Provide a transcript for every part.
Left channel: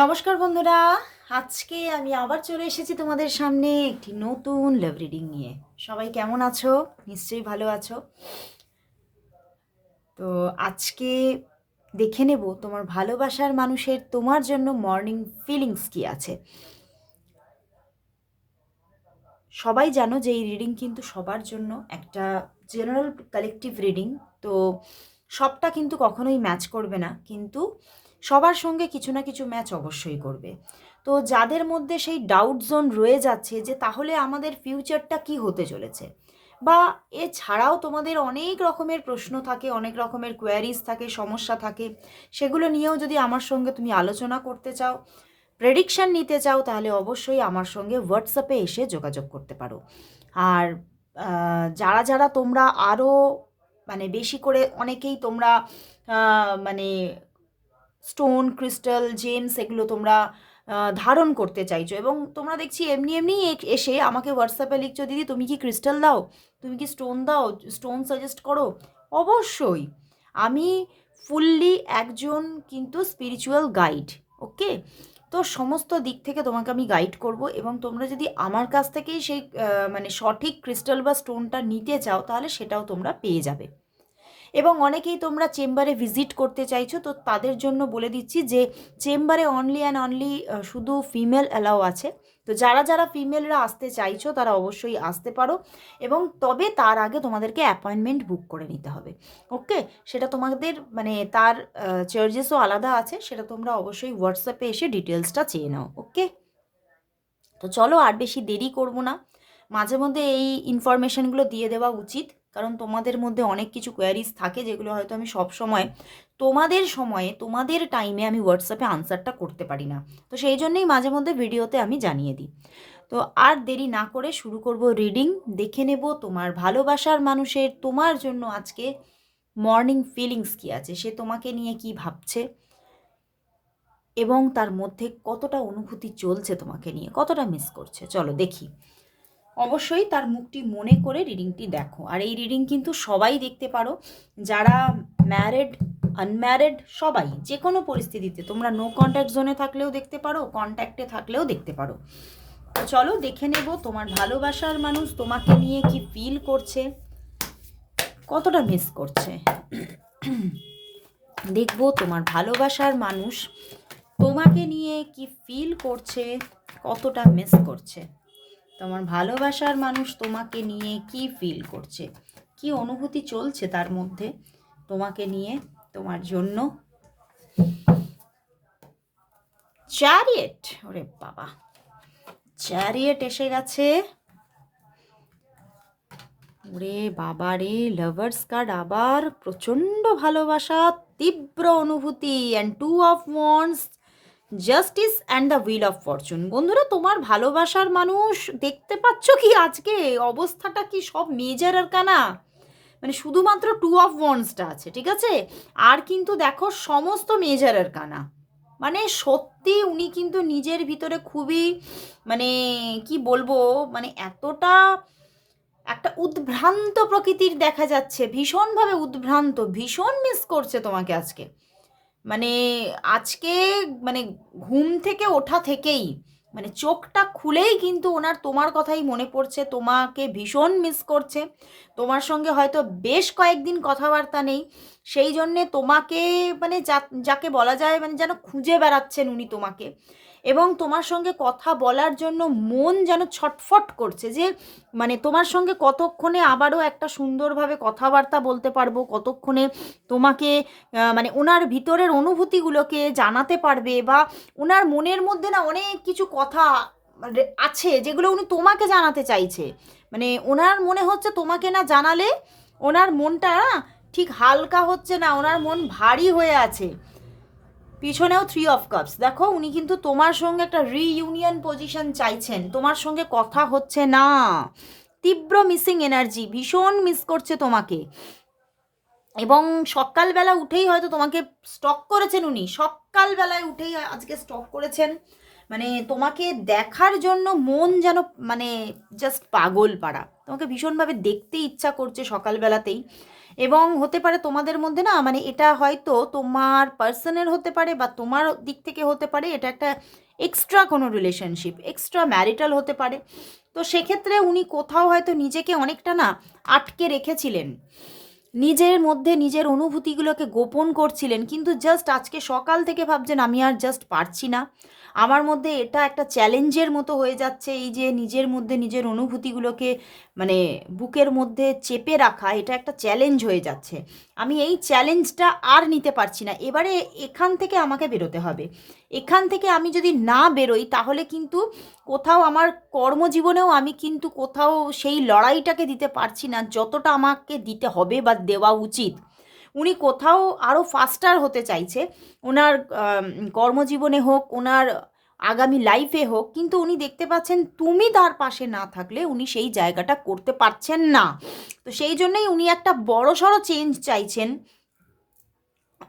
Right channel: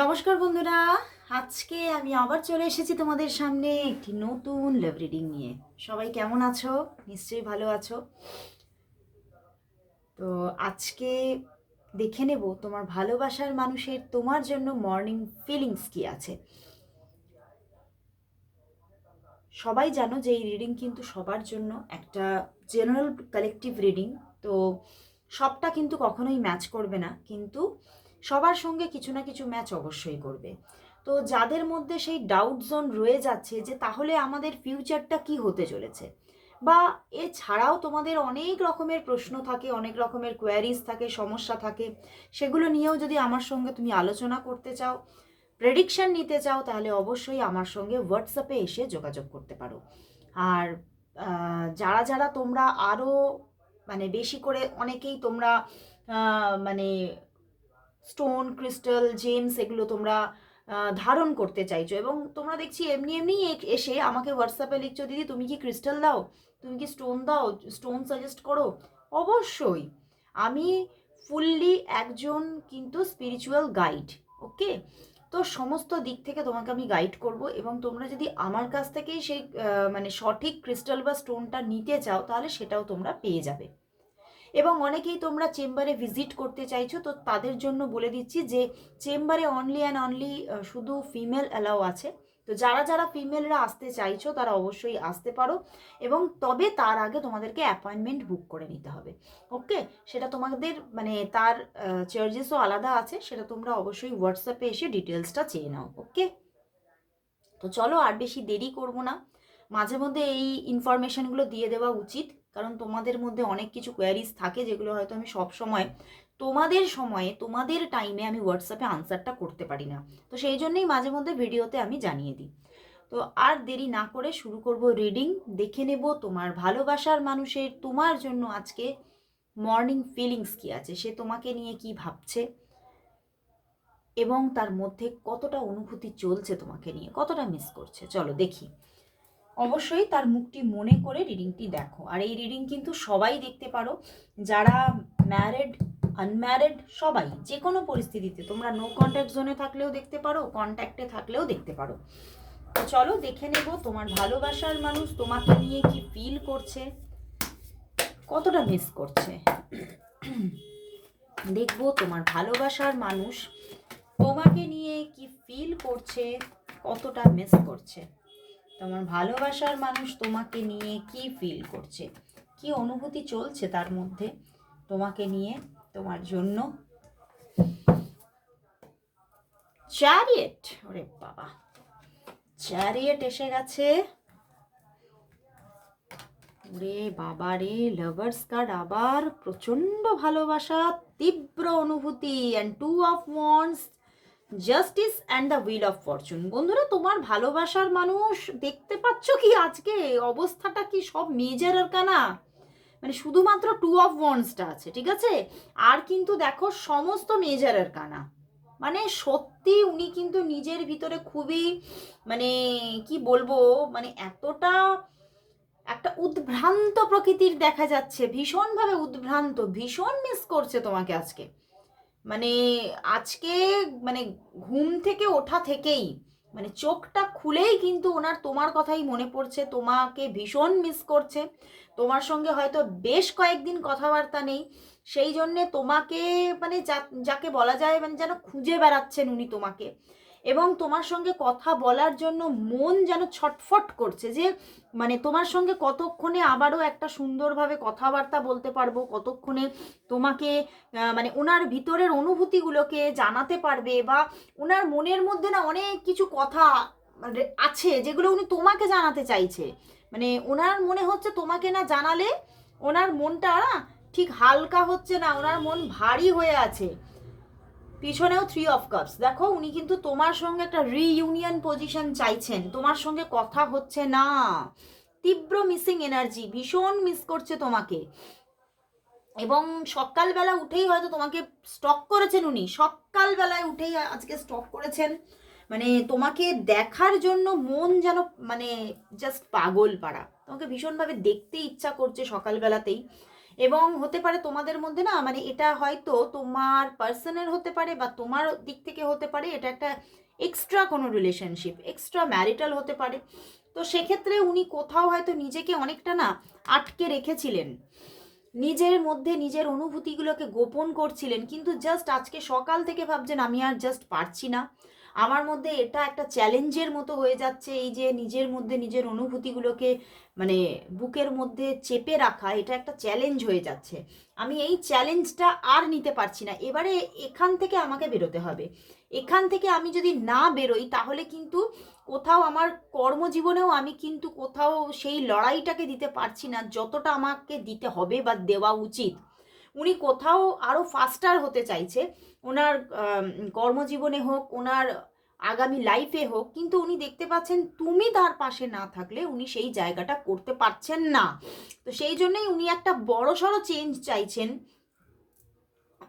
নমস্কার বন্ধুরা, আজকে আমি আবার চলে এসেছি তোমাদের সামনে একটি নতুন লাভ রিডিং নিয়ে। সবাই কেমন আছো? নিশ্চয়ই ভালো আছো। তো আজকে দেখে নেব তোমার ভালোবাসার মানুষের তোমার জন্য মর্নিং ফিলিংস কি আছে। সবাই জানো যে এই রিডিং কিন্তু সবার জন্য একটা জেনারেল কালেকটিভ রিডিং। তো সবটা কিন্তু কখনোই ম্যাচ করবে না, কিন্তু সবার সঙ্গে কিছু না কিছু ম্যাচ অবশ্যই করবে। তো যাদের মধ্যে সেই ডাউট জোন রয়ে যাচ্ছে যে তাহলে আমাদের ফিউচারটা কি হতে চলেছে, বা এছাড়াও তোমাদের অনেক রকমের প্রশ্ন থাকে, অনেক রকমের কোয়ারিজ থাকে, সমস্যা থাকে, সেগুলো নিয়েও যদি আমার সঙ্গে তুমি আলোচনা করতে চাও, প্রেডিকশান নিতে চাও, তাহলে অবশ্যই আমার সঙ্গে হোয়াটসঅ্যাপে এসে যোগাযোগ করতে পারো। আর যারা যারা তোমরা আরও বেশি করে অনেকেই তোমরা মানে স্টোন, ক্রিস্টাল, জেমস এগুলো তোমরা ধারণ করতে চাইছো, এবং তোমরা দেখছি এমনি এমনি এসে আমাকে হোয়াটসঅ্যাপে লিখছো, দিদি তুমি কি ক্রিস্টাল দাও, তুমি কি স্টোন দাও, স্টোন সাজেস্ট করো। অবশ্যই আমি ফুললি একজন কিন্তু স্পিরিচুয়াল গাইড। ওকে, তো সমস্ত দিক থেকে তোমাকে আমি গাইড করব, এবং তোমরা যদি আমার কাছ থেকেই সেই সঠিক ক্রিস্টাল বা স্টোনটা নিতে চাও, তাহলে সেটাও তোমরা পেয়ে যাবে। এবং অনেকেই তোমরা চেম্বারে ভিজিট করতে চাইছো, তো তাদের জন্য বলে দিচ্ছি যে চেম্বারে অনলি অ্যান্ড অনলি শুধু ফিমেল অ্যালাউ আছে। তো যারা যারা ফিমেলরা আসতে চাইছো তারা অবশ্যই আসতে পারো, এবং তবে তার আগে তোমাদেরকে অ্যাপয়েন্টমেন্ট বুক করে নিতে হবে। ওকে, সেটা তোমাদের তার চার্জেসও আলাদা আছে, সেটা তোমরা অবশ্যই হোয়াটসঅ্যাপে এসে ডিটেলসটা চেয়ে নাও। ওকে, তো চলো আর বেশি দেরি করব না, মাঝে মধ্যে এই ইনফরমেশনগুলো দিয়ে দেওয়া উচিত, কারণ তোমাদের মধ্যে অনেক কিছু কোয়ারিজ থাকে যেগুলো হয়তো আমি সব সময় তোমাদের সময়ে তোমাদের টাইমে আমি হোয়াটসঅ্যাপে আনসারটা করতে পারি না। তো সেই জন্যই মাঝে মধ্যে ভিডিওতে আমি জানিয়ে দিই। তো আর দেরি না করে শুরু করব রিডিং। দেখে নেব তোমার ভালোবাসার মানুষের তোমার জন্য আজকে মর্নিং ফিলিংস কী আছে, সে তোমাকে নিয়ে কি ভাবছে, এবং তার মধ্যে কতটা অনুভূতি চলছে তোমাকে নিয়ে, কতটা মিস করছে। চলো দেখি। অবশ্যই তার মুখটি মনে করে রিডিংটি দেখো। আর এই রিডিং কিন্তু সবাই দেখতে পারো, যারা ম্যারিড, আনম্যারিড, সবাই যে কোনো পরিস্থিতিতে, তোমরা নো কন্ট্যাক্ট জোনে থাকলেও দেখতে পারো, কন্ট্যাক্টে থাকলেও দেখতে পারো। চলো দেখে নেব তোমার ভালোবাসার মানুষ তোমাকে নিয়ে কি ফিল করছে, কতটা মিস করছে। দেখবো তোমার ভালোবাসার মানুষ তোমাকে নিয়ে কি ফিল করছে, কতটা মিস করছে। তোমার ভালোবাসার মানুষ তোমাকে নিয়ে কি ফিল করছে, কি অনুভূতি চলছে তার মধ্যে তোমাকে নিয়ে, তোমার জন্য। চ্যারিয়েট, ওরে বাবা, চ্যারিয়েট এসে গেছে। ওরে বাবা রে, লাভার্স কার্ড আবার, প্রচণ্ড ভালোবাসা, তীব্র অনুভূতি, and two of wands, justice and the wheel of fortune. বন্ধুরা, তোমার ভালোবাসার মানুষ দেখতে পাচ্ছ কি আজকে অবস্থাটা, কি সব মেজর আরকানা, শুধুমাত্র টু অফ ওয়ান্ডসটা আছে, ঠিক আছে? আর কিন্তু দেখো সমস্ত মেজর আরকানা। সত্যি উনি কিন্তু নিজের ভিতরে খুবই কি বলবো, এতটা একটা উদ্ভ্রান্ত প্রকৃতির দেখা যাচ্ছে, ভীষণভাবে উদ্ভ্রান্ত, ভীষণ মিস করছে তোমাকে আজকে। মানে আজকে মানে ঘুম থেকে ওঠা থেকেই চোখটা খুলেই কিন্তু ওনার তোমার কথাই মনে পড়ছে, তোমাকে ভীষণ মিস করছে। তোমার সঙ্গে হয়তো বেশ কয়েকদিন কথাবার্তা নেই, সেই জন্যে তোমাকে যাকে বলা যায় যেন খুঁজে বেড়াচ্ছেন উনি তোমাকে, এবং তোমার সঙ্গে কথা বলার জন্য মন যেন ছটফট করছে যে তোমার সঙ্গে কতক্ষণে আবারও একটা সুন্দরভাবে কথাবার্তা বলতে পারবো, কতক্ষণে তোমাকে ওনার ভিতরের অনুভূতিগুলোকে জানাতে পারবে, বা ওনার মনের মধ্যে না অনেক কিছু কথা আছে যেগুলো উনি তোমাকে জানাতে চাইছে। ওনার মনে হচ্ছে তোমাকে না জানালে ওনার মনটা না ঠিক হালকা হচ্ছে না, ওনার মন ভারী হয়ে আছে। পিছনেও 3 অফ কাপস, দেখো উনি কিন্তু তোমার সঙ্গে একটা রিইউনিয়ন পজিশন চাইছেন, তোমার সঙ্গে কথা হচ্ছে না, তীব্র মিসিং এনার্জি, ভীষণ মিস করছে তোমাকে। এবং সকালবেলা উঠেই হয়তো তোমাকে স্টক করেছেন উনি, সকালবেলায় উঠেই আজকে স্টক করেছেন, তোমাকে দেখার জন্য মন যেন জাস্ট পাগল পাড়া, তোমাকে ভীষণভাবে দেখতে ইচ্ছা করছে সকালবেলাতেই। এবং হতে পারে তোমাদের মধ্যে না, মানে এটা হয়তো তোমার পার্সনের হতে পারে বা তোমার দিক থেকে হতে পারে, এটা একটা এক্সট্রা কোনো রিলেশনশিপ, এক্সট্রা ম্যারিটাল হতে পারে। তো সেক্ষেত্রে উনি কোথাও হয়তো নিজেকে অনেকটা না আটকে রেখেছিলেন, নিজের মধ্যে নিজের অনুভূতিগুলোকে গোপন করছিলেন, কিন্তু জাস্ট আজকে সকাল থেকে ভাবছেন আমি আর জাস্ট পারছি না, আমার মধ্যে এটা একটা চ্যালেঞ্জের মতো হয়ে যাচ্ছে, এই যে নিজের মধ্যে নিজের অনুভূতিগুলোকে মানে বুকের মধ্যে চেপে রাখা, এটা একটা চ্যালেঞ্জ হয়ে যাচ্ছে, আমি এই চ্যালেঞ্জটা আর নিতে পারছি না, এবারে এখান থেকে আমাকে বেরোতে হবে, এখান থেকে আমি যদি না বেরোই তাহলে কিন্তু কোথাও আমার কর্মজীবনেও আমি কিন্তু কোথাও সেই লড়াইটাকে দিতে পারছি না যতটা আমাকে দিতে হবে বা দেওয়া উচিত। উনি কোথাও আরও ফাস্টার হতে চাইছে, ওনার কর্মজীবনে হোক, ওনার আগামী লাইফে হোক, কিন্তু উনি দেখতে পাচ্ছেন তুমি তার পাশে না থাকলে উনি সেই জায়গাটা করতে পারছেন না। তো সেই জন্যই উনি একটা বড়সড় চেঞ্জ চাইছেন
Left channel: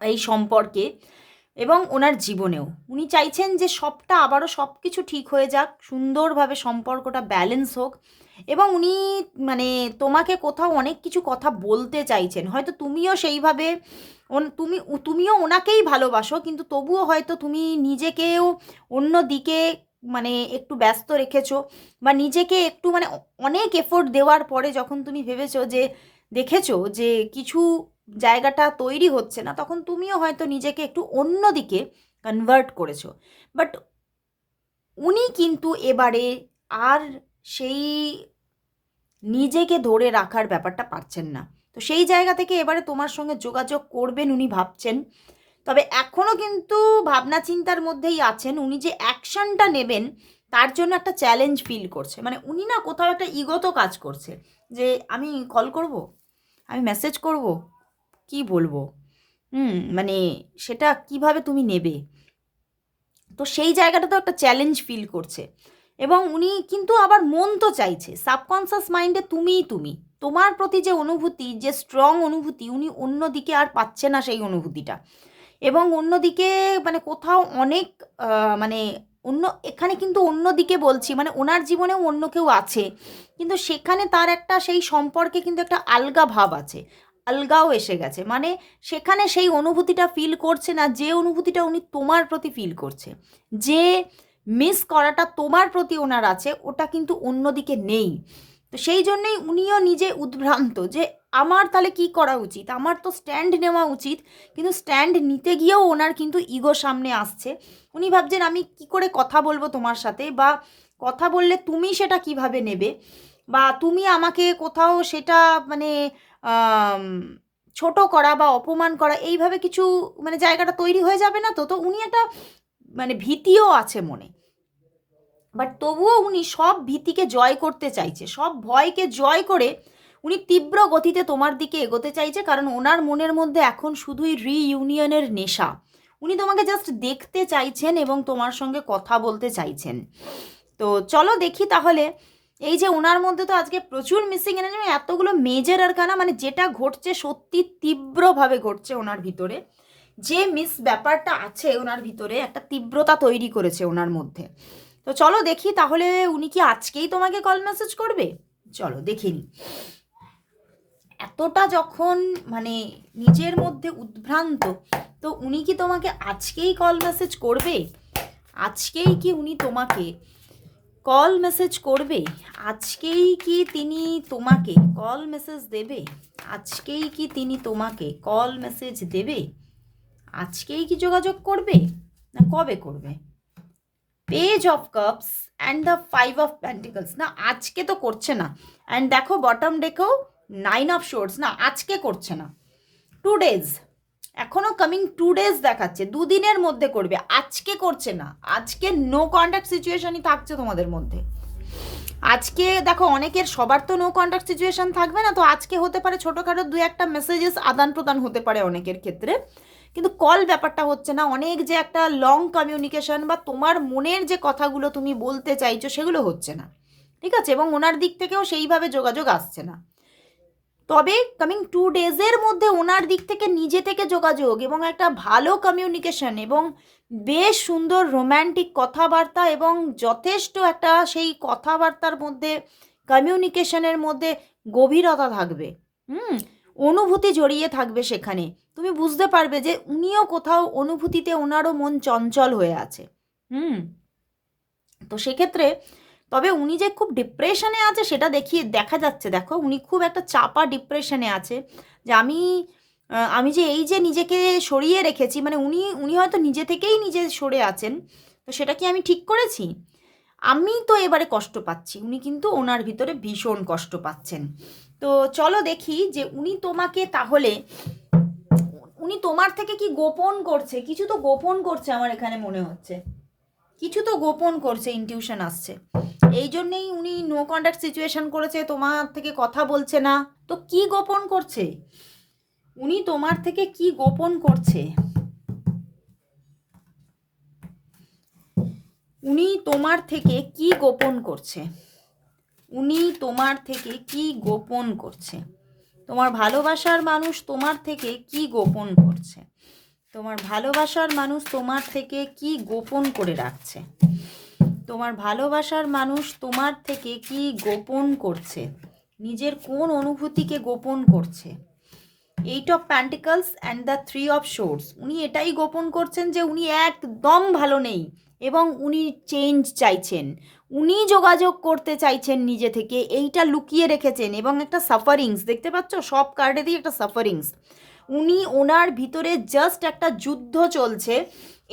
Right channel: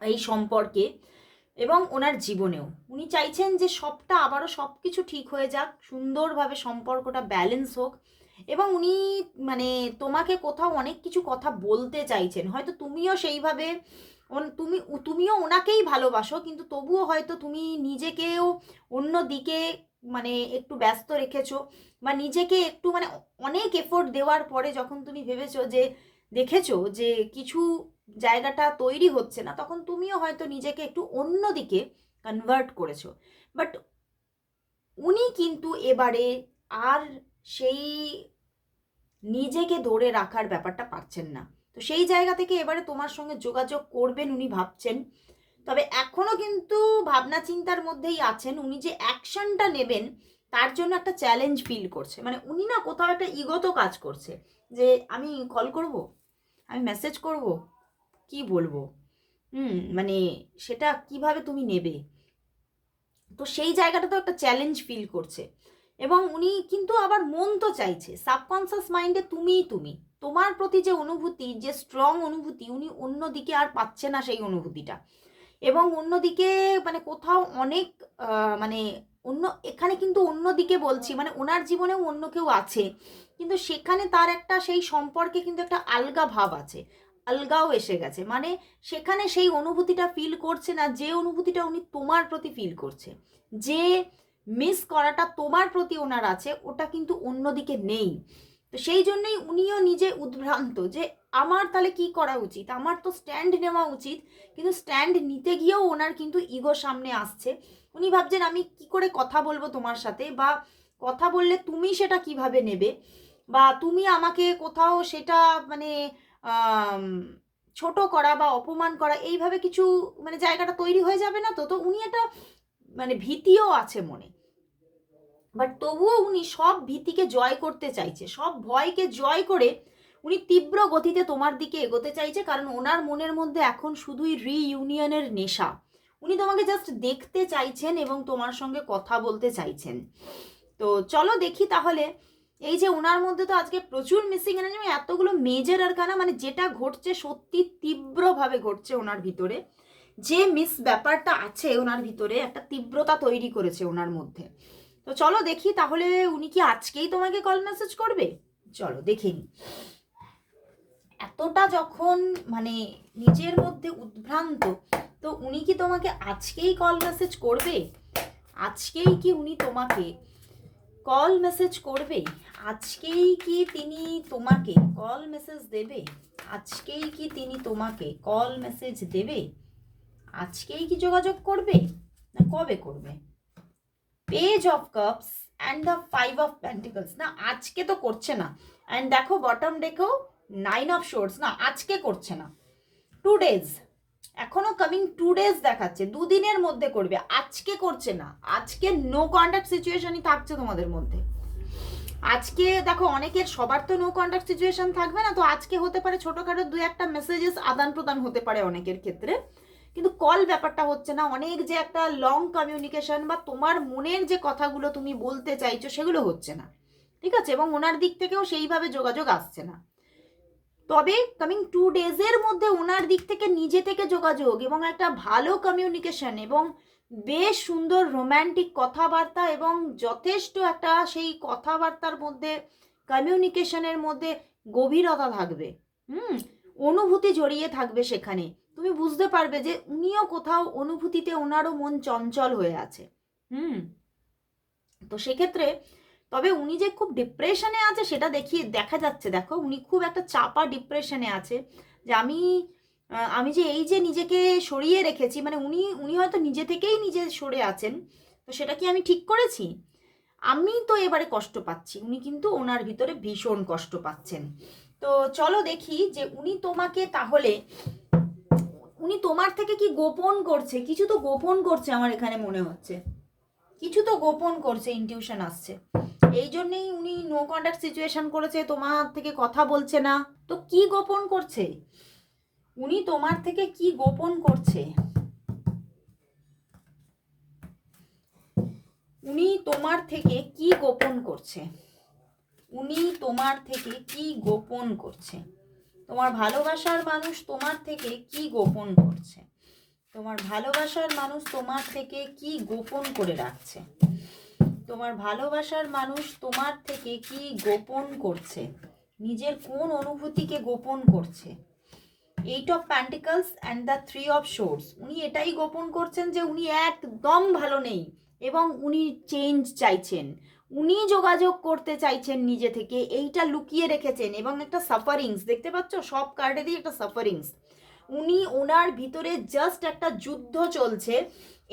এই সম্পর্কে এবং ওনার জীবনেও। উনি চাইছেন যে সবটা আবারও সব কিছু ঠিক হয়ে যাক, সুন্দরভাবে সম্পর্কটা ব্যালেন্স হোক, এবং উনি মানে তোমাকে কোথাও অনেক কিছু কথা বলতে চাইছেন, হয়তো তুমিও সেইভাবে তুমিও ওনাকেই ভালোবাসো, কিন্তু তবুও হয়তো তুমি নিজেকেও অন্য দিকে মানে একটু ব্যস্ত রেখেছো, বা নিজেকে একটু মানে অনেক এফোর্ট দেওয়ার পরে যখন তুমি ভেবেছো যে দেখেছো যে কিছু জায়গাটা তৈরি হচ্ছে না, তখন তুমিও হয়তো নিজেকে একটু অন্য দিকে কনভার্ট করেছো। বাট উনি কিন্তু এবারে আর সেই নিজেকে ধরে রাখার ব্যাপারটা পারছেন না। তো সেই জায়গা থেকে এবারে তোমার সঙ্গে যোগাযোগ করবেন উনি ভাবছেন। তবে এখনও কিন্তু ভাবনা চিন্তার মধ্যেই আছেন। উনি যে অ্যাকশনটা নেবেন তার জন্য একটা চ্যালেঞ্জ ফিল করছে। মানে উনি না কোথাও একটা ইগো তো কাজ করছে যে আমি কল করব, আমি মেসেজ করব, কি বলবো, মানে সেটা কিভাবে তুমি নেবে। তো সেই জায়গাটা তো একটা চ্যালেঞ্জ ফিল করছে, এবং উনি কিন্তু আবার মন তো চাইছে, সাবকনসিয়াস মাইন্ডে তুমি তোমার প্রতি যে অনুভূতি, যে স্ট্রং অনুভূতি, উনি অন্যদিকে আর পাচ্ছে না সেই অনুভূতিটা, এবং অন্যদিকে মানে কোথাও অনেক মানে অন্য এখানে কিন্তু অন্যদিকে বলছি মানে ওনার জীবনেও অন্য কেউ আছে, কিন্তু সেখানে তার একটা সেই সম্পর্কে কিন্তু একটা আলগা ভাব আছে, আলগাও এসে গেছে, মানে সেখানে সেই অনুভূতিটা ফিল করছে না যে অনুভূতিটা উনি তোমার প্রতি ফিল করছে, যে মিস করাটা তোমার প্রতি ওনার আছে ওটা কিন্তু অন্যদিকে নেই। তো সেই জন্যই উনিও নিজে উদ্ভ্রান্ত যে আমার তাহলে কি করা উচিত, আমার তো স্ট্যান্ড নেওয়া উচিত, কিন্তু স্ট্যান্ড নিতে গিয়েও ওনার কিন্তু ইগো সামনে আসছে। উনি ভাবছেন আমি কি করে কথা বলবো তোমার সাথে, বা কথা বললে তুমি সেটা কিভাবে নেবে, বা তুমি আমাকে কোথাও সেটা মানে আম, ছোট করা বা অপমান করা এইভাবে কিছু মানে জায়গাটা তৈরি হয়ে যাবে না। তো তো উনি একটা মানে ভীতিও আছে মনে, বাট তবুও উনি সব ভীতিকে জয় করতে চাইছে, সব ভয়কে জয় করে উনি তীব্র গতিতে তোমার দিকে এগোতে চাইছে, কারণ ওনার মনের মধ্যে এখন শুধুই রিইউনিয়নের নেশা। উনি তোমাকে জাস্ট দেখতে চাইছেন এবং তোমার সঙ্গে কথা বলতে চাইছেন। তো চলো দেখি তাহলে, এই যে ওনার মধ্যে তো আজকে প্রচুর মিসিং এনার্জি, এতগুলো মেজর আর কানা, মানে যেটা ঘটছে সত্যি তীব্রভাবে ঘটছে ওনার ভিতরে, যে মিস ব্যাপারটা আছে ওনার ভিতরে একটা তীব্রতা তৈরি করেছে ওনার মধ্যে। তো চলো দেখি তাহলে উনি কি আজকেই তোমাকে কল মেসেজ করবে, চলো দেখে নি। এতটা যখন মানে নিজের মধ্যে উদ্ভ্রান্ত, তো উনি কি তোমাকে আজকেই কল মেসেজ করবে, আজকেই কি উনি তোমাকে কল মেসেজ করবে, আজকেই কি তিনি তোমাকে কল মেসেজ দেবে, আজকেই কি তিনি তোমাকে কল মেসেজ দেবে, আজকেই কি যোগাযোগ করবে, না কবে করবে। Page of cups and the 5 of pentacles, না আজকে তো করছে না, অ্যান্ড দেখো বটম ডেকেও 9 অফ শোর্টস, না আজকে করছে না, 2 ডেজ, এখনো কামিং 2 ডেজ দেখাচ্ছে, দুদিনের মধ্যে করবে, আজকে করছে না। আজকে নো কন্ট্যাক্ট সিচুয়েশনই থাকছে তোমাদের মধ্যে। আজকে দেখো অনেকের সবার তো নো কন্ট্যাক্ট সিচুয়েশন থাকবে না, তো আজকে হতে পারে ছোটোখাটো 2-1টা মেসেজেস আদান প্রদান হতে পারে অনেকের ক্ষেত্রে, কিন্তু কল ব্যাপারটা হচ্ছে না। অনেক যে একটা লং কমিউনিকেশন বা তোমার মনের যে কথাগুলো তুমি বলতে চাইছো সেগুলো হচ্ছে না, ঠিক আছে, এবং ওনার দিক থেকেও সেইভাবে যোগাযোগ আসছে না। তবে কামিং 2 ডেজের মধ্যে ওনার দিক থেকে নিজে থেকে যোগাযোগ এবং একটা ভালো কমিউনিকেশন এবং বেশ সুন্দর রোম্যান্টিক কথাবার্তা, এবং যথেষ্ট একটা সেই কথাবার্তার মধ্যে কমিউনিকেশনের মধ্যে গভীরতা থাকবে। হুম অনুভূতি জড়িয়ে থাকবে সেখানে। তুমি বুঝতে পারবে যে উনিও কোথাও অনুভূতিতে ওনারও মন চঞ্চল হয়ে আছে। হুম। তো সেক্ষেত্রে তবে উনি যে খুব ডিপ্রেশনে আছে সেটা দেখা যাচ্ছে। দেখো উনি খুব একটা চাপা ডিপ্রেশনে আছে, যে আমি যে এই যে নিজেকে সরিয়ে রেখেছি, মানে উনি উনি হয়তো নিজে থেকেই নিজে সরে আছেন। তো সেটা কি আমি ঠিক করেছি? আমি তো এবারে কষ্ট পাচ্ছি, উনি কিন্তু ওনার ভিতরে ভীষণ কষ্ট পাচ্ছেন। তো চলো দেখি যে উনি তোমাকে তাহলে, উনি তোমার থেকে কি গোপন করছে? কিছু তো গোপন করছে আমার এখানে মনে হচ্ছে, কিছু তো গোপন করছে, ইনটিউশন আসছে। এই জন্যেই উনি নো কন্ট্যাক্ট সিচুয়েশন করেছে, তোমার থেকে কথা বলছে না। তো কি গোপন করছে? উনি তোমার থেকে কি গোপন করছে? উনি তোমার থেকে কি গোপন করছে? উনি তোমার থেকে কি গোপন করছে? তোমার ভালোবাসার মানুষ তোমার থেকে কি গোপন করছে? তোমার ভালোবাসার মানুষ তোমার থেকে কি গোপন করে রাখছে? তোমার ভালোবাসার মানুষ তোমার থেকে কি গোপন করছে? নিজের কোন অনুভূতিকে গোপন করছে? 8 of pentacles and the 3 of swords, উনি এটাই গোপন করছেন যে উনি একদম ভালো নেই এবং উনি চেঞ্জ চাইছেন, উনি যোগাযোগ করতে চাইছেন নিজে থেকে, এইটা লুকিয়ে রেখেছেন। এবং একটা সাফারিংস দেখতে পাচ্ছ, সব কার্ডে দিয়ে একটা সাফারিংস। উনি ওনার ভিতরে জাস্ট একটা যুদ্ধ চলছে,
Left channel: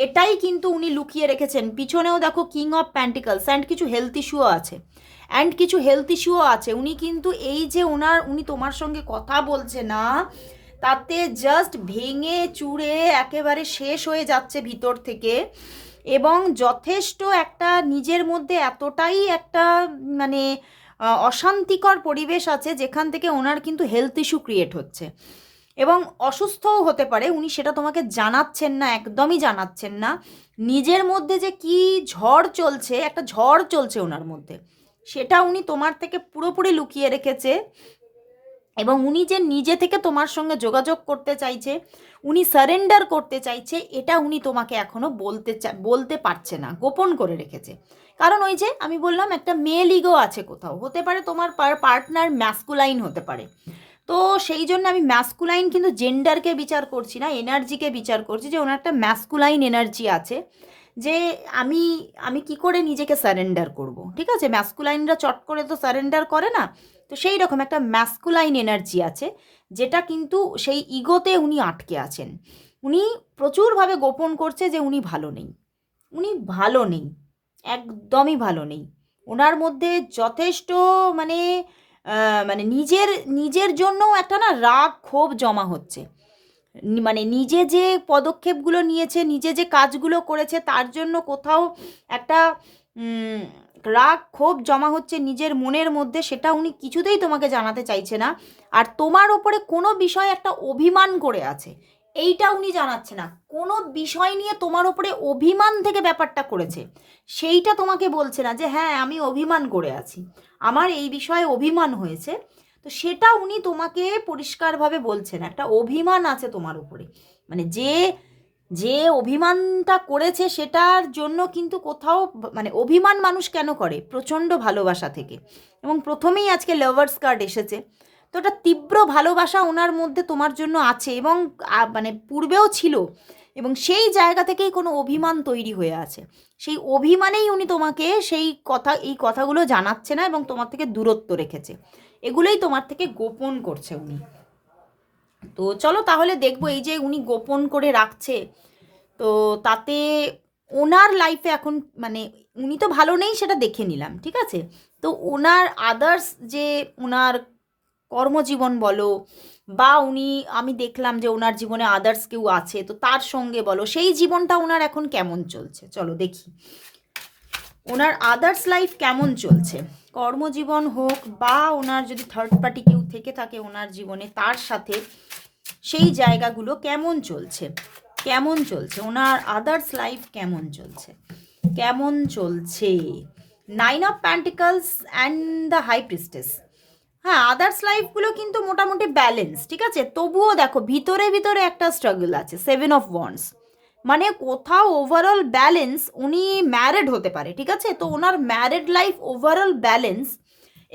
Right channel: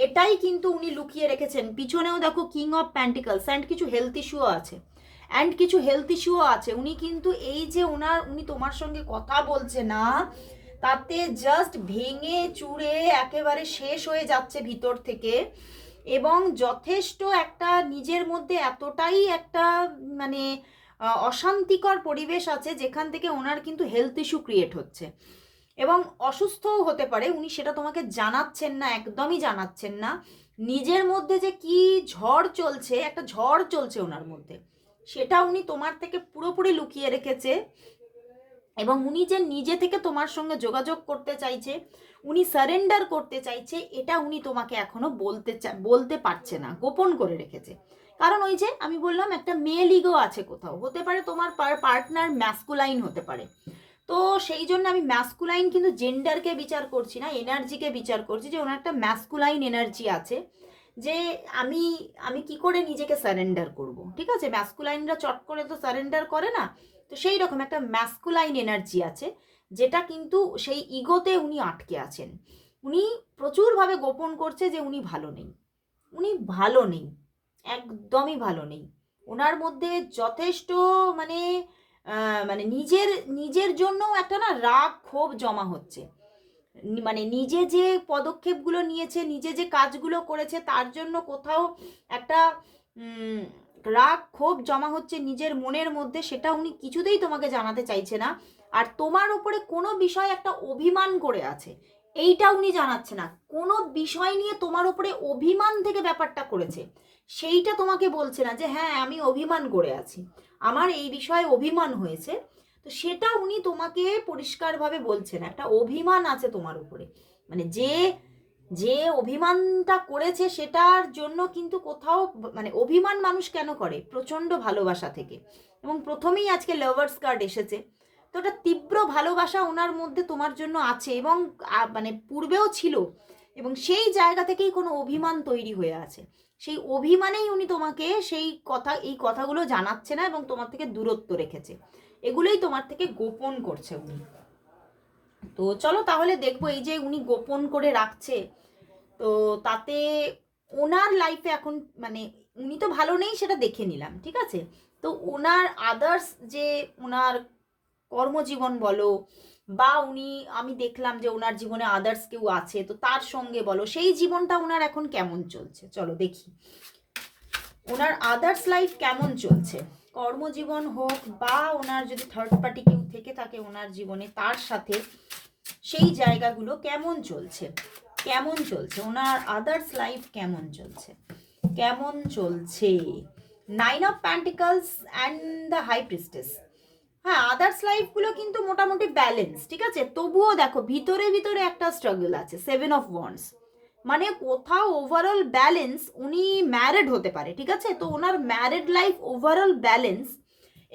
এটাই কিন্তু উনি লুকিয়ে রেখেছেন। পিছনেও দেখো কিং অফ প্যান্টিকলস অ্যান্ড কিছু হেলথ ইস্যুও আছে। উনি কিন্তু এই যে উনি তোমার সঙ্গে কথা বলছে না, তাতে জাস্ট ভেঙে চুড়ে একেবারে শেষ হয়ে যাচ্ছে ভিতর থেকে। এবং যথেষ্ট একটা নিজের মধ্যে এতটাই একটা মানে অশান্তিকর পরিবেশ আছে, যেখান থেকে ওনার কিন্তু হেলথ ইস্যু ক্রিয়েট হচ্ছে এবং অসুস্থও হতে পারে। উনি সেটা তোমাকে জানাচ্ছেন না, একদমই জানাচ্ছেন না। নিজের মধ্যে যে কি ঝড় চলছে, একটা ঝড় চলছে ওনার মধ্যে, সেটা উনি তোমার থেকে পুরোপুরি লুকিয়ে রেখেছে। এবং উনি যে নিজে থেকে তোমার সঙ্গে যোগাযোগ করতে চাইছে, উনি সারেন্ডার করতে চাইছে, এটা উনি তোমাকে এখনো বলতে পারছে না, গোপন করে রেখেছে। কারণ ওই যে আমি বললাম একটা মেল ইগো আছে কোথাও, হতে পারে তোমার পার্টনার ম্যাসকুলাইন হতে পারে। তো সেই জন্য আমি ম্যাসকুলাইন কিন্তু জেন্ডারকে বিচার করছি না, এনার্জিকে বিচার করছি, যে ওনার একটা ম্যাসকুলাইন এনার্জি আছে, যে আমি আমি কি করে নিজেকে সারেন্ডার করব। ঠিক আছে, ম্যাসকুলাইনরা চট করে তো সারেন্ডার করে না। তো সেই রকম একটা ম্যাসকুলাইন এনার্জি আছে, যেটা কিন্তু সেই ইগোতে উনি আটকে আছেন। উনি প্রচুরভাবে গোপন করছে যে উনি ভালো নেই, উনি ভালো নেই, একদমই ভালো নেই। ওনার মধ্যে যথেষ্ট মানে মানে নিজের নিজের জন্যও একটা না রাগ ক্ষোভ জমা হচ্ছে। মানে নিজে যে পদক্ষেপগুলো নিয়েছে, নিজে যে কাজগুলো করেছে, তার জন্য কোথাও একটা উম, রাগ ক্ষোভ জমা হচ্ছে নিজের মনের মধ্যে, সেটা উনি কিছুতেই তোমাকে জানাতে চাইছে না। আর তোমার ওপরে কোনো বিষয় একটা অভিমান করে আছে, এইটা উনি জানাচ্ছে না। কোনো বিষয় নিয়ে তোমার ওপরে অভিমান থেকে ব্যাপারটা করেছে, সেইটা তোমাকে বলছে না যে হ্যাঁ আমি অভিমান করে আছি, আমার এই বিষয়ে অভিমান হয়েছে। তো সেটা উনি তোমাকে পরিষ্কারভাবে বলছেন, একটা অভিমান আছে তোমার উপরে। মানে যে যে অভিমানটা করেছে সেটার জন্য কিন্তু কোথাও মানে অভিমান মানুষ কেন করে? প্রচণ্ড ভালোবাসা থেকে। এবং প্রথমেই আজকে লাভার্স কার্ড এসেছে। তো ওটা তীব্র ভালোবাসা ওনার মধ্যে তোমার জন্য আছে, এবং মানে পূর্বেও ছিল, এবং সেই জায়গা থেকেই কোনো অভিমান তৈরি হয়ে আছে। সেই অভিমানেই উনি তোমাকে এই কথাগুলো জানাচ্ছে না এবং তোমার থেকে দূরত্ব রেখেছে। এগুলোই তোমার থেকে গোপন করছে উনি। তো চলো তাহলে দেখবো, এই যে উনি গোপন করে রাখছে, তো তাতে ওনার লাইফে এখন মানে উনি তো ভালো নেই সেটা দেখে নিলাম, ঠিক আছে। তো ওনার আদার্স যে ওনার কর্মজীবন বলো, বা আমি দেখলাম যে ওনার জীবনে আদার্স কেউ আছে, তো তার সঙ্গে বলো, সেই জীবনটা ওনার এখন কেমন চলছে চলো দেখি। ওনার আদার্স লাইফ কেমন চলছে, কর্মজীবন হোক বা ওনার যদি থার্ড পার্টি কেউ থেকে থাকে ওনার জীবনে, তার সাথে সেই জায়গাগুলো কেমন চলছে, কেমন চলছে ওনার আদার্স লাইফ, কেমন চলছে, কেমন চলছে। 9 of pentacles and the high priestess. হ্যাঁ, আদার্স লাইফগুলো কিন্তু মোটামুটি ব্যালেন্স, ঠিক আছে। তবুও দেখো ভিতরে ভিতরে একটা স্ট্রাগল আছে। 7 অফ ওয়ান্ডস, মানে কোথাও ওভারঅল ব্যালেন্স, উনি ম্যারিড হতে পারে, ঠিক আছে। তো ওনার ম্যারিড লাইফ ওভারঅল ব্যালেন্স,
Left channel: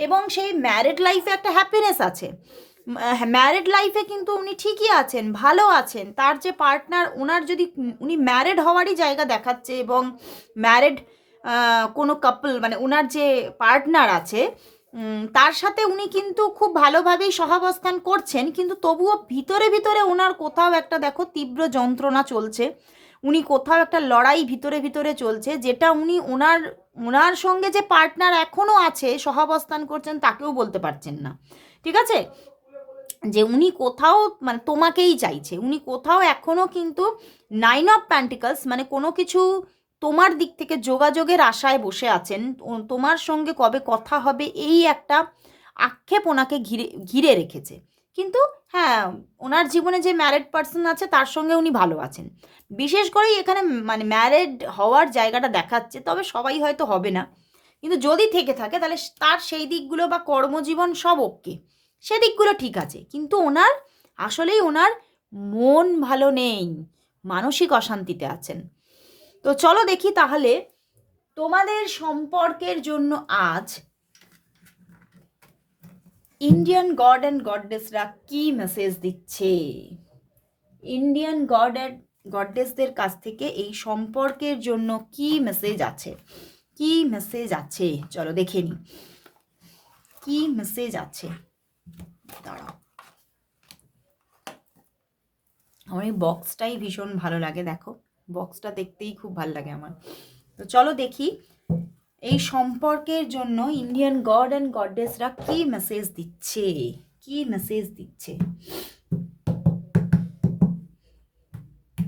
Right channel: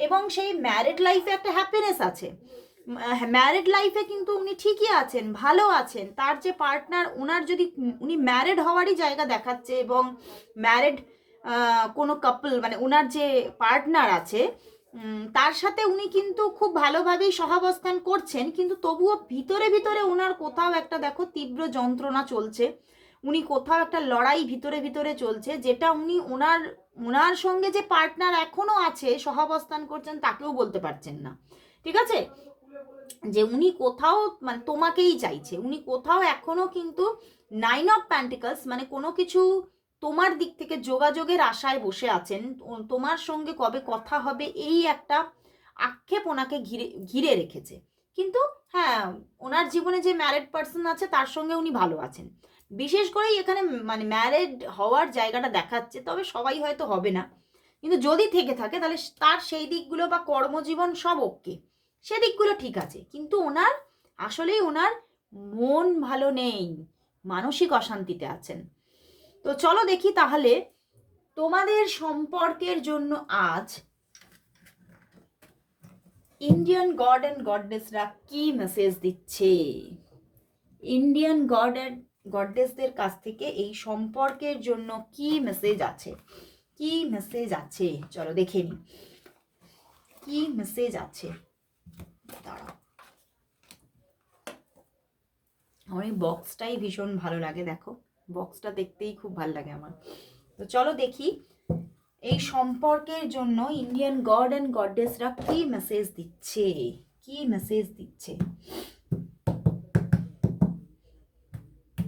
এবং সেই ম্যারিড লাইফে একটা হ্যাপিনেস আছে। ম্যারিড লাইফে কিন্তু উনি ঠিকই আছেন, ভালো আছেন। তার যে পার্টনার, ওনার যদি উনি ম্যারিড হওয়ারই জায়গা দেখাচ্ছে, এবং ম্যারিড কোনো কাপল মানে ওনার যে পার্টনার আছে তার সাথে উনি কিন্তু খুব ভালোভাবেই সহাবস্থান করছেন, কিন্তু তবুও ভিতরে ভিতরে ওনার কোথাও একটা দেখো তীব্র যন্ত্রণা চলছে, উনি কোথাও একটা লড়াই ভিতরে ভিতরে চলছে, যেটা উনি ওনার ওনার সঙ্গে যে পার্টনার এখনও আছে সহাবস্থান করছেন তাকেও বলতে পারছেন না, ঠিক আছে? যে উনি কোথাও মানে তোমাকেই চাইছে, উনি কোথাও এখনও কিন্তু 9 অফ পেন্টিকলস মানে কোনো কিছু তোমার দিক থেকে যোগাযোগের আশায় বসে আছেন, তোমার সঙ্গে কবে কথা হবে এই একটা আক্ষেপ ওনাকে ঘিরে ঘিরে রেখেছে। কিন্তু হ্যাঁ, ওনার জীবনে যে ম্যারিড পার্সন আছে তার সঙ্গে উনি ভালো আছেন। বিশেষ করেই এখানে মানে ম্যারিড হওয়ার জায়গাটা দেখাচ্ছে, তবে সবাই হয়তো হবে না, কিন্তু যদি থেকে থাকে তাহলে তার সেই দিকগুলো বা কর্মজীবন সব ওকে, সেদিকগুলো ঠিক আছে, কিন্তু ওনার আসলেই ওনার মন ভালো নেই, মানসিক অশান্তিতে আছেন। তো চলো দেখি তাহলে তোমাদের সম্পর্কের জন্য আজ ইন্ডিয়ান গড অ্যান্ড গডডেসরা কি মেসেজ দিচ্ছে। ইন্ডিয়ান গড অ্যান্ড গডডেসদের কাছ থেকে এই সম্পর্কের জন্য কি মেসেজ আছে, কি মেসেজ আছে চলো দেখে নি কি মেসেজ আছে। দাঁড়াও, আমার এই বক্সটাই ভীষণ ভালো লাগে, দেখো বক্সটা দেখতেই খুব ভালো লাগে আমার। তো চলো দেখি এই সম্পর্কের জন্য ইন্ডিয়ান গড অ্যান্ড গডডেসরা কি মেসেজ দিচ্ছে, কি মেসেজ দিচ্ছে,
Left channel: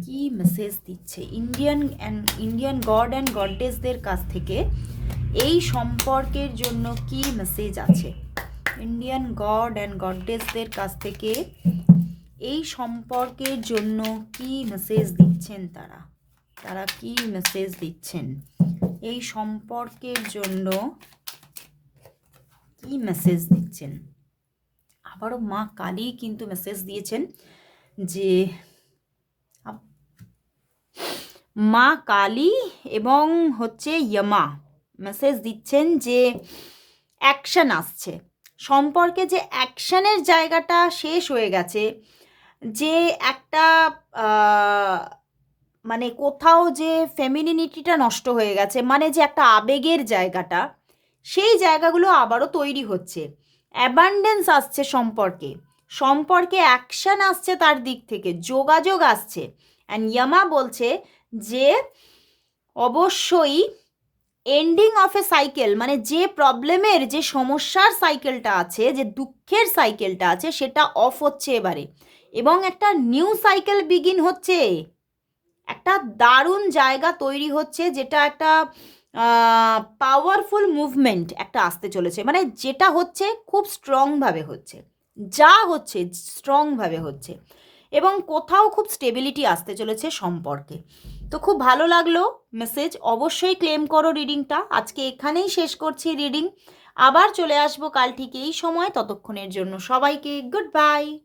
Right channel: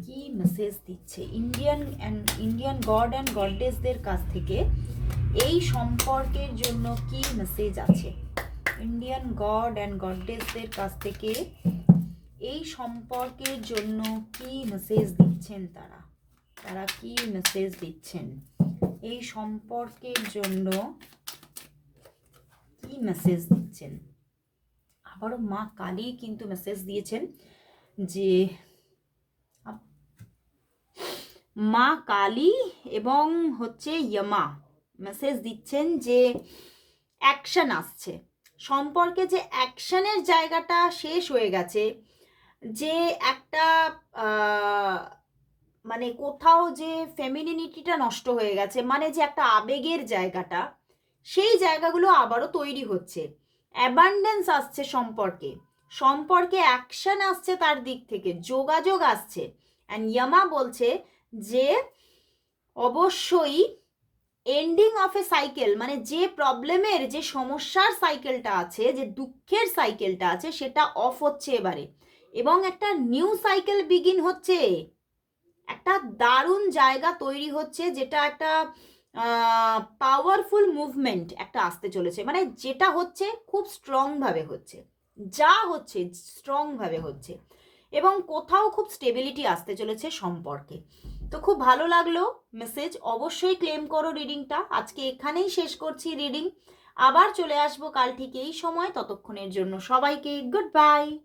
কি মেসেজ দিচ্ছে ইন্ডিয়ান গড অ্যান্ড গডডেসদের কাছ থেকে এই সম্পর্কের জন্য কি মেসেজ আছে। ইন্ডিয়ান গড অ্যান্ড গডডেসদের কাছ থেকে এই সম্পর্কের জন্য কি মেসেজ দিচ্ছেন তারা, তারা কি মেসেজ দিচ্ছেন এই সম্পর্কের জন্য, কি মেসেজ দিচ্ছেন। আবারও মা কালী কিন্তু মেসেজ দিয়েছেন যে মা কালী এবং হচ্ছে ইয়ামা মেসেজ দিচ্ছেন যে অ্যাকশন আসছে, সম্পর্কে যে অ্যাকশনের জায়গাটা শেষ হয়ে গেছে, যে একটা মানে কোথাও যে ফেমিনিনিটিটা নষ্ট হয়ে গেছে, মানে যে একটা আবেগের জায়গাটা, সেই জায়গাগুলো আবারও তৈরি হচ্ছে, অ্যাবান্ডেন্স আসছে সম্পর্কে, সম্পর্কে অ্যাকশন আসছে, তার দিক থেকে যোগাযোগ আসছে। অ্যান্ড ইয়ামা বলছে যে অবশ্যই এন্ডিং অফ এ সাইকেল, মানে যে প্রবলেমের যে সমস্যার সাইকেলটা আছে, যে দুঃখের সাইকেলটা আছে, সেটা অফ হচ্ছে এবারে, এবং একটা নিউ সাইকেল বিগিন হচ্ছে, একটা দারুণ জায়গা তৈরি হচ্ছে, যেটা একটা পাওয়ারফুল মুভমেন্ট একটা আসতে চলেছে, মানে যেটা হচ্ছে খুব স্ট্রংভাবে হচ্ছে, যা হচ্ছে স্ট্রংভাবে হচ্ছে, এবং কোথাও খুব স্টেবিলিটি আসতে চলেছে সম্পর্কে। তো খুব ভালো লাগলো মেসেজ, অবশ্যই ক্লেম করো রিডিংটা। আজকে এখানেই শেষ করছি রিডিং, আবার চলে আসবো কাল ঠিক এই সময়, ততক্ষণের জন্য সবাইকে গুড বাই।